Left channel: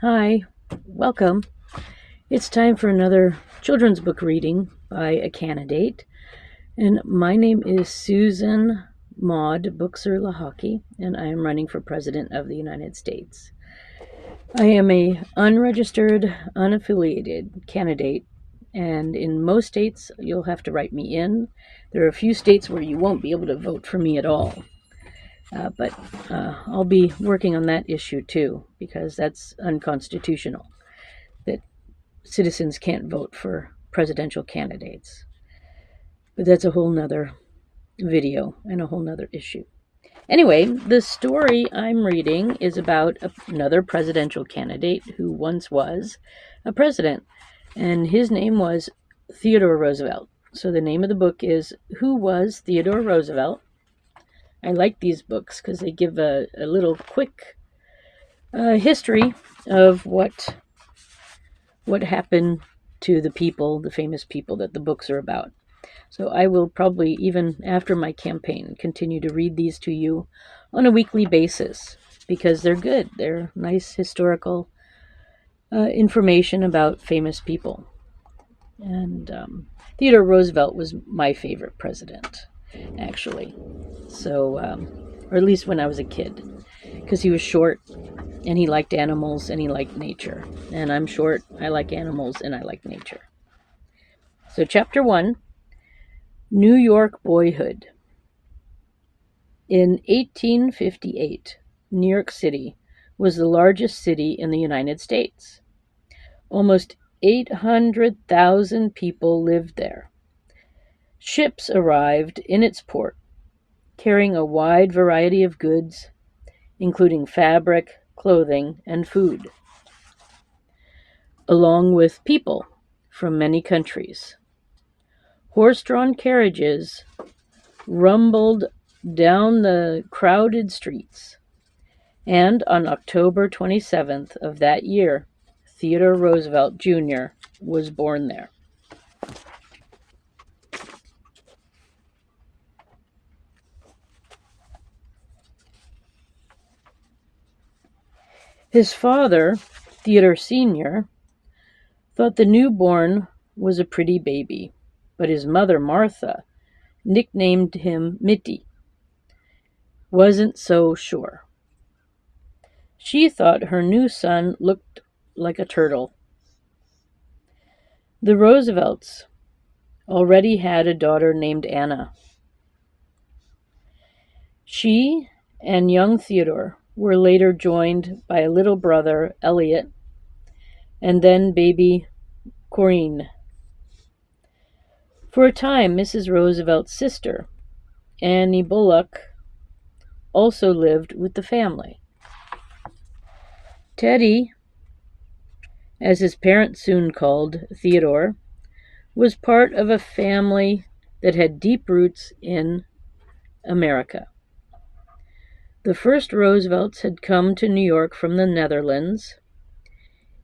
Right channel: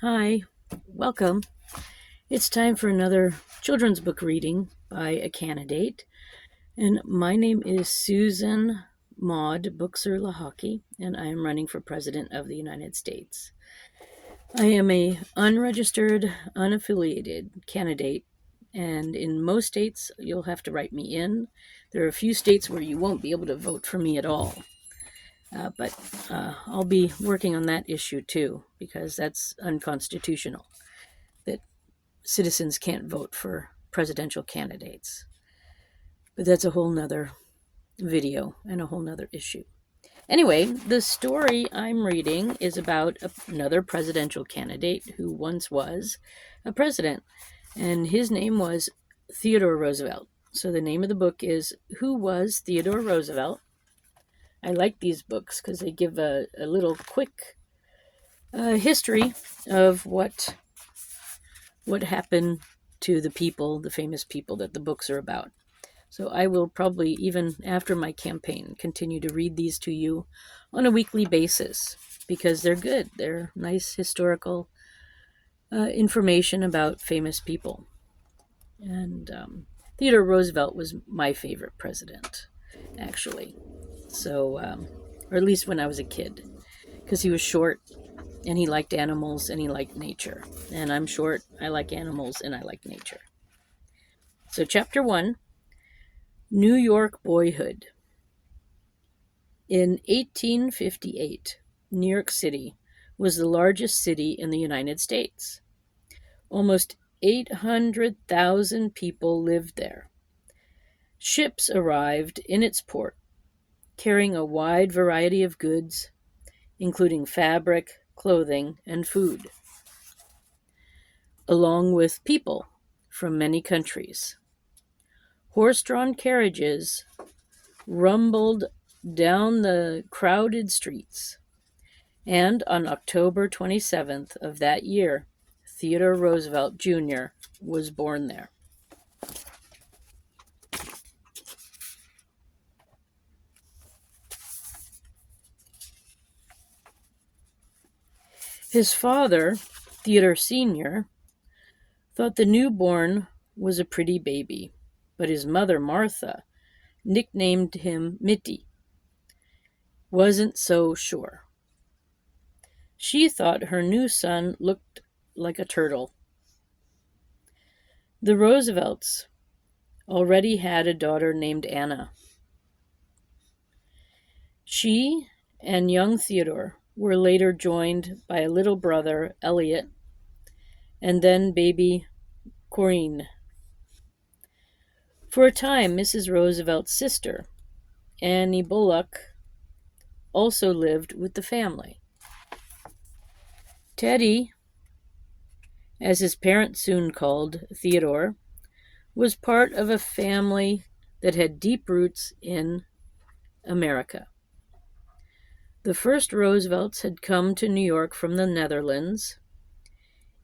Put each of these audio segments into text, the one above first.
Hi, welcome. It's time for another children's book reading by a candidate. And my name is Susan Maud Buchser-Lochocki, and I am running for President of the United States. I am a unregistered, unaffiliated candidate, and in most states, you'll have to write me in. There are a few states where you won't be able to vote for me at all. But I'll be working on that issue too, because that's unconstitutional, that citizens can't vote for presidential candidates. But that's a whole nother video and a whole nother issue. Anyway, the story I'm reading is about another presidential candidate who once was a president, and his name was Theodore Roosevelt. So the name of the book is Who Was Theodore Roosevelt? I like these books because they give a little quick history of what happened to the people, the famous people that the books are about. So I will probably, even after my campaign, continue to read these to you on a weekly basis because they're good. They're nice historical information about famous people. And Theodore Roosevelt was my favorite president, actually. So, or at least when I was a kid, because he was short and he liked animals and he liked nature. And I'm short, I like animals, and I like nature. So chapter 1, New York Boyhood. In 1858, New York City was the largest city in the United States. Almost 800,000 people lived there. Ships arrived in its port, carrying a wide variety of goods, including fabric, clothing, and food, along with people from many countries. Horse-drawn carriages rumbled down the crowded streets, and on October 27th of that year, Theodore Roosevelt Jr. was born there. His father, Theodore Sr., thought the newborn was a pretty baby, but his mother, Martha, nicknamed him Mitty, wasn't so sure. She thought her new son looked like a turtle. The Roosevelts already had a daughter named Anna. She and young Theodore were later joined by a little brother, Elliot, and then baby Corinne. For a time, Mrs. Roosevelt's sister, Annie Bullock, also lived with the family. Teddy, as his parents soon called Theodore, was part of a family that had deep roots in America. The first Roosevelts had come to New York from the Netherlands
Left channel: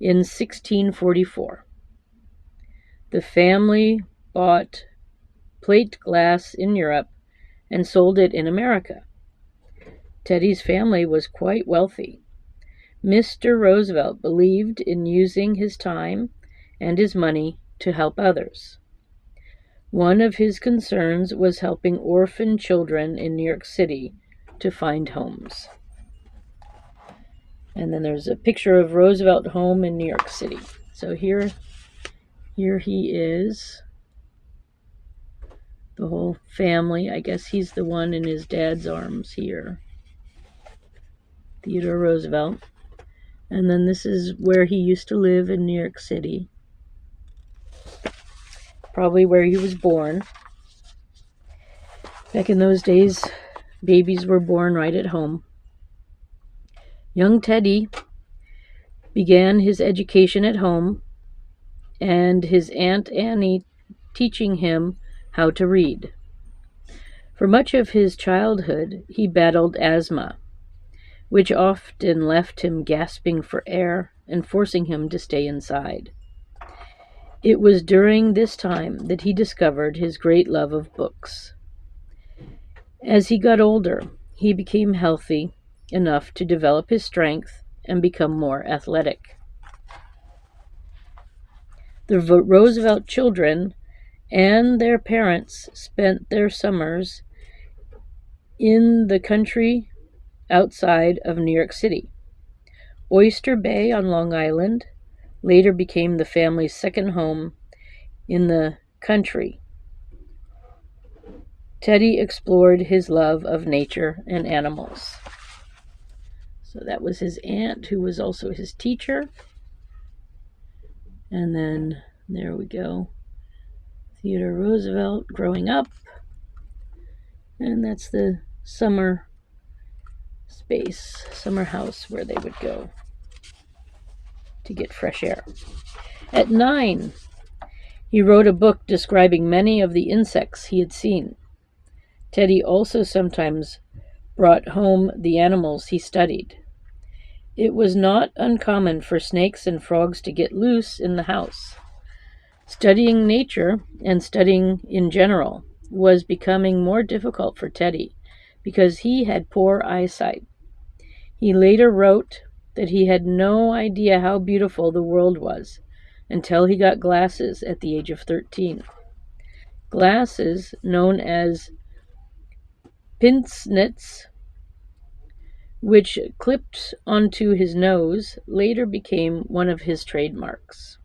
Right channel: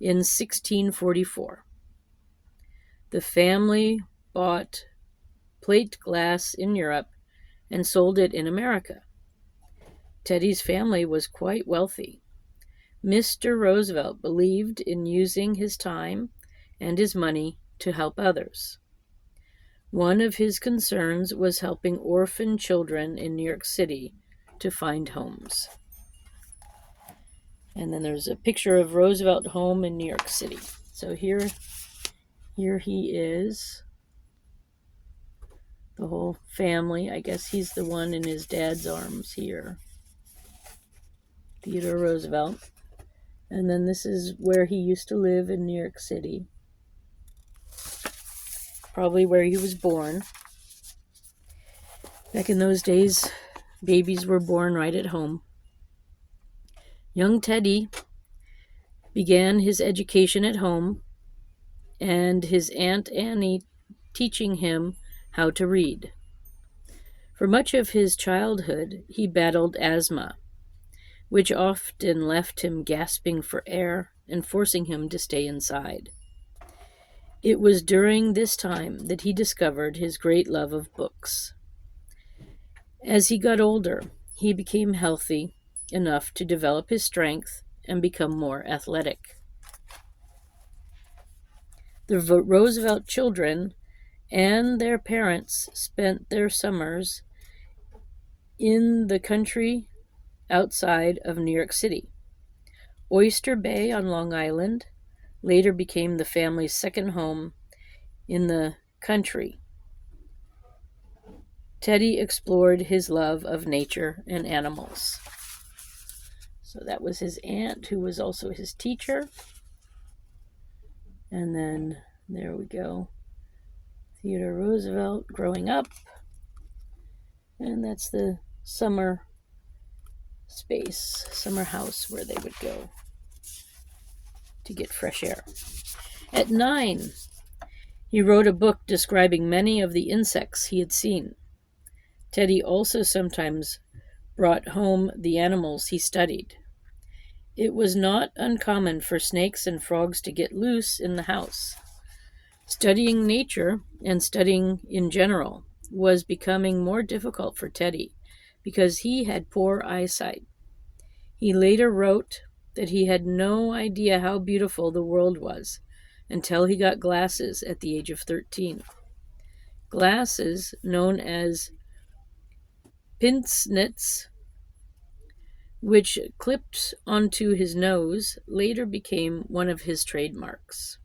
in 1644. The family bought plate glass in Europe and sold it in America. Teddy's family was quite wealthy. Mr. Roosevelt believed in using his time and his money to help others. One of his concerns was helping orphan children in New York City to find homes. And then there's a picture of Roosevelt home in New York City. So here he is. The whole family. I guess he's the one in his dad's arms here. Theodore Roosevelt. And then this is where he used to live in New York City. Probably where he was born. Back in those days, babies were born right at home. Young Teddy began his education at home, and his Aunt Annie teaching him how to read. For much of his childhood, he battled asthma, which often left him gasping for air and forcing him to stay inside. It was during this time that he discovered his great love of books. As he got older, he became healthy enough to develop his strength and become more athletic. The Roosevelt children and their parents spent their summers in the country outside of New York City. Oyster Bay on Long Island later became the family's second home in the country. Teddy explored his love of nature and animals. So that was his aunt, who was also his teacher. And then there we go. Theodore Roosevelt growing up. And that's the summer space, summer house where they would go to get fresh air. At 9, he wrote a book describing many of the insects he had seen. Teddy also sometimes brought home the animals he studied. It was not uncommon for snakes and frogs to get loose in the house. Studying nature and studying in general was becoming more difficult for Teddy because he had poor eyesight. He later wrote that he had no idea how beautiful the world was until he got glasses at the age of 13. Glasses, known as pince-nez, which clipped onto his nose, later became one of his trademarks.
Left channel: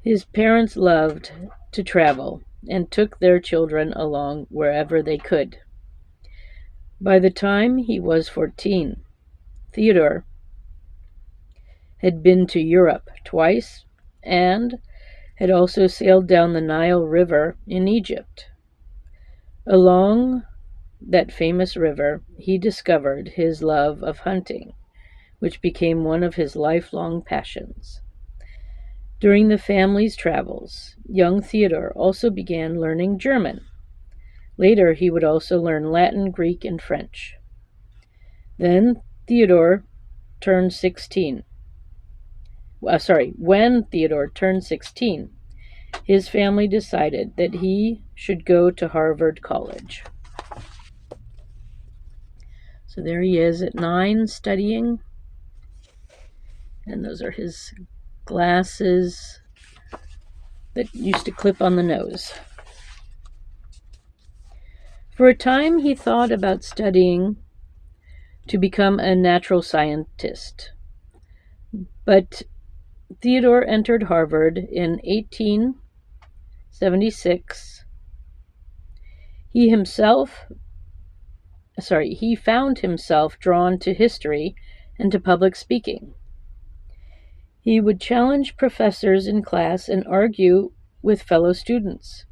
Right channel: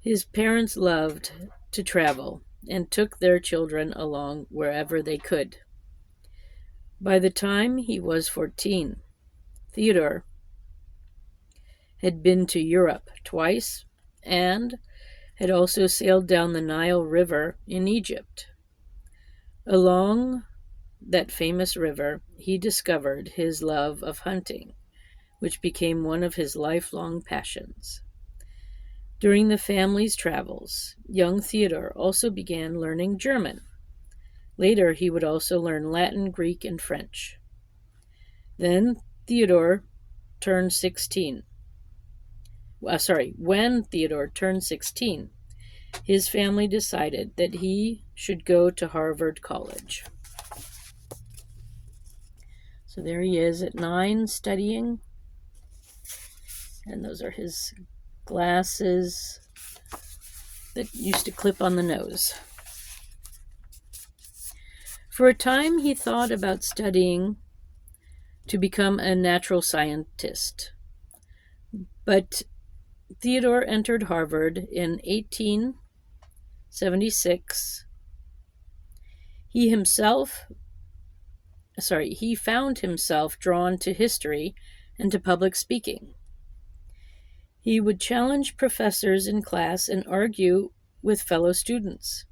His parents loved to travel and took their children along wherever they could. By the time he was 14, Theodore had been to Europe twice and had also sailed down the Nile River in Egypt. Along that famous river, he discovered his love of hunting, which became one of his lifelong passions. During the family's travels, young Theodore also began learning German. Later, he would also learn Latin, Greek, and French. Then Theodore turned 16. When Theodore turned 16, his family decided that he should go to Harvard College. So there he is at 9 studying. And those are his glasses that used to clip on the nose. For a time, he thought about studying to become a natural scientist. But Theodore entered Harvard in 1876. He found himself drawn to history and to public speaking. He would challenge professors in class and argue with fellow students.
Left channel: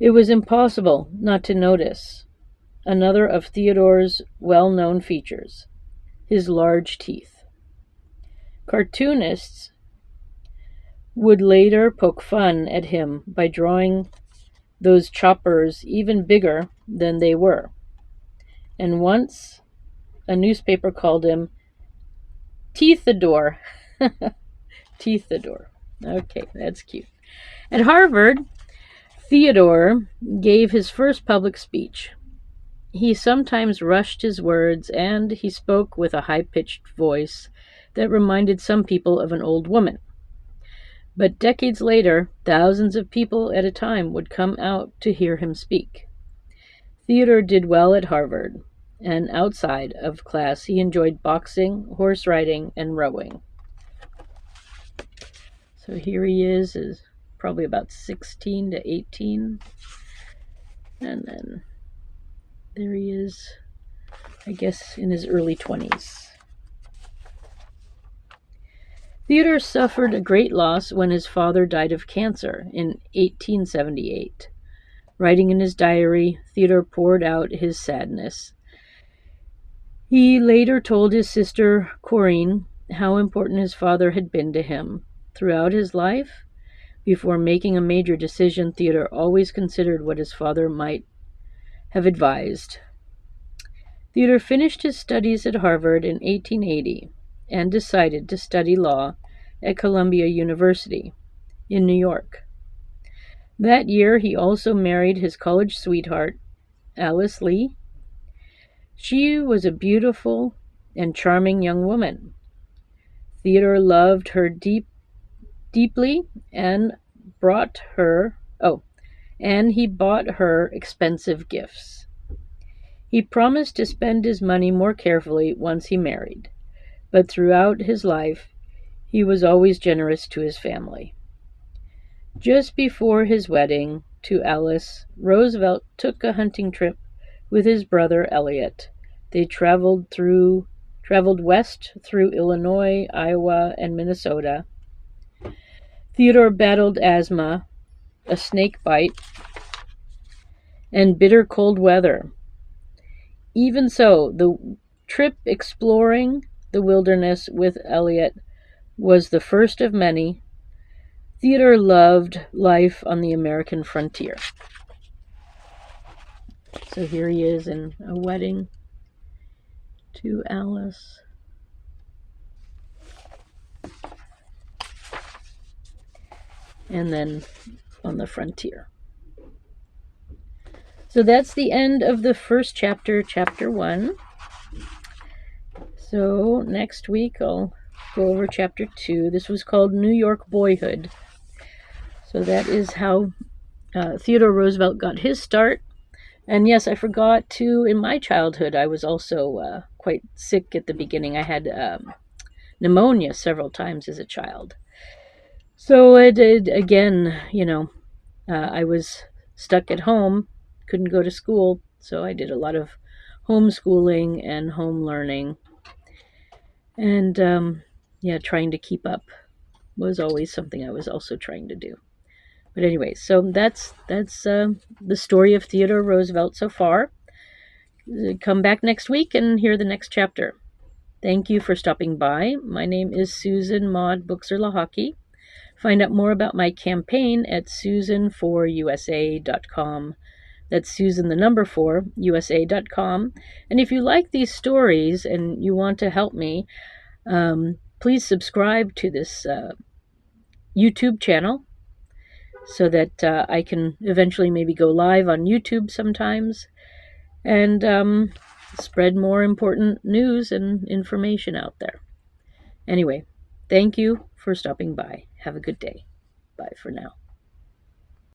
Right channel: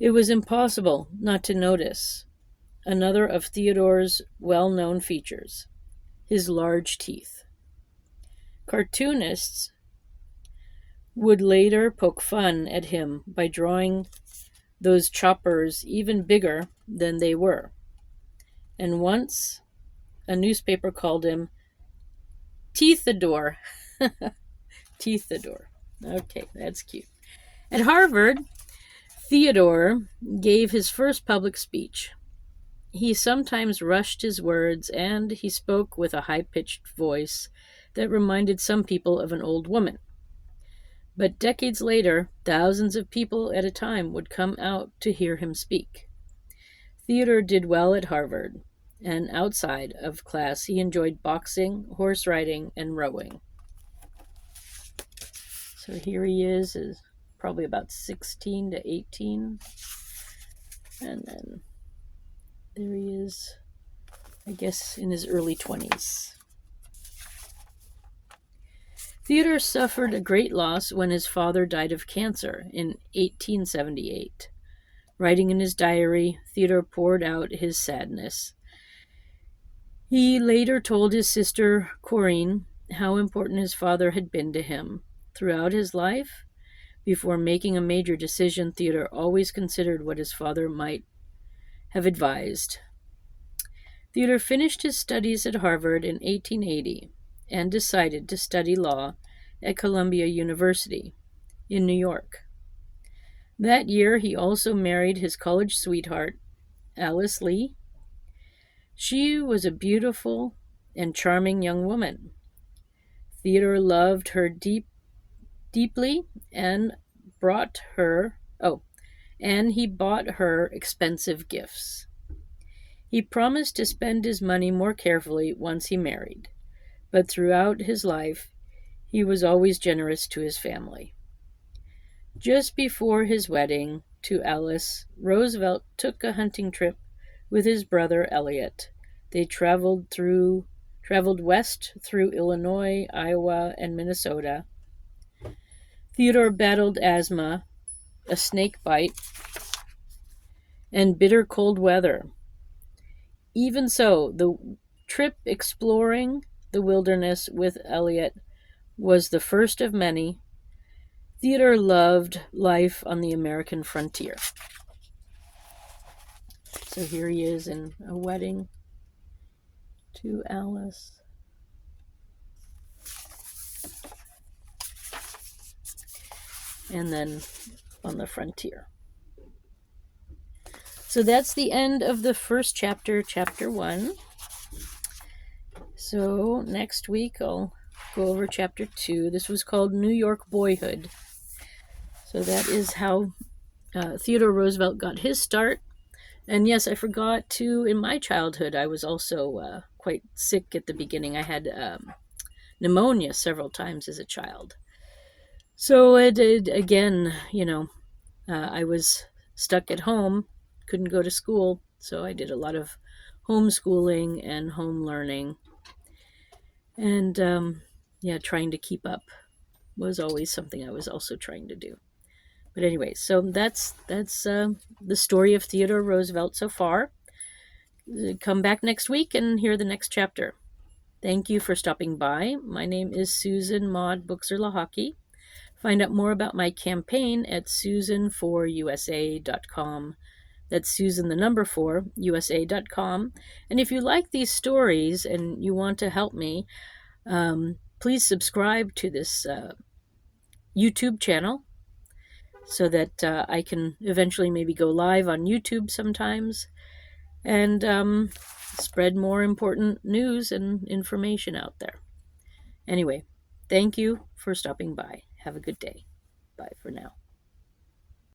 It was impossible not to notice another of Theodore's well-known features, his large teeth. Cartoonists would later poke fun at him by drawing those choppers even bigger than they were. And once a newspaper called him Teethador. Teethador. Okay, that's cute. At Harvard, Theodore gave his first public speech. He sometimes rushed his words, and he spoke with a high-pitched voice that reminded some people of an old woman. But decades later, thousands of people at a time would come out to hear him speak. Theodore did well at Harvard, and outside of class he enjoyed boxing, horse riding, and rowing. So here he is probably about 16 to 18. And then there he is, I guess, in his early 20s. Theodore suffered a great loss when his father died of cancer in 1878. Writing in his diary, Theodore poured out his sadness. He later told his sister, Corinne, how important his father had been to him. Throughout his life, before making a major decision, Theodore always considered what his father might have advised. Theodore finished his studies at Harvard in 1880 and decided to study law at Columbia University in New York. That year, he also married his college sweetheart, Alice Lee. She was a beautiful and charming young woman. Theodore loved her deep deeply and brought her, and he bought her expensive gifts. He promised to spend his money more carefully once he married, but throughout his life, he was always generous to his family. Just before his wedding to Alice, Roosevelt took a hunting trip with his brother Elliot. They traveled west through Illinois, Iowa, and Minnesota. Theodore battled asthma, a snake bite, and bitter cold weather. Even so, the trip exploring the wilderness with Elliot was the first of many. Theodore loved life on the American frontier. So here he is in a wedding to Alice. And then on the frontier. So that's the end of the first chapter, chapter 1. So next week I'll go over chapter 2. This was called New York Boyhood. So that is how Theodore Roosevelt got his start. And yes, I forgot to, in my childhood, I was also quite sick at the beginning. I had pneumonia several times as a child. So I did, again, I was stuck at home, couldn't go to school. So I did a lot of homeschooling and home learning. And trying to keep up was always something I was also trying to do. But anyway, so that's the story of Theodore Roosevelt so far. Come back next week and hear the next chapter. Thank you for stopping by. My name is Susan Maud Buchser-Lochocki. Find out more about my campaign at susan4usa.com. That's Susan the number 4, USA.com. And if you like these stories and you want to help me, please subscribe to this YouTube channel so that I can eventually maybe go live on YouTube sometimes and spread more important news and information out there. Anyway, thank you for stopping by. Have a good day. Bye for now.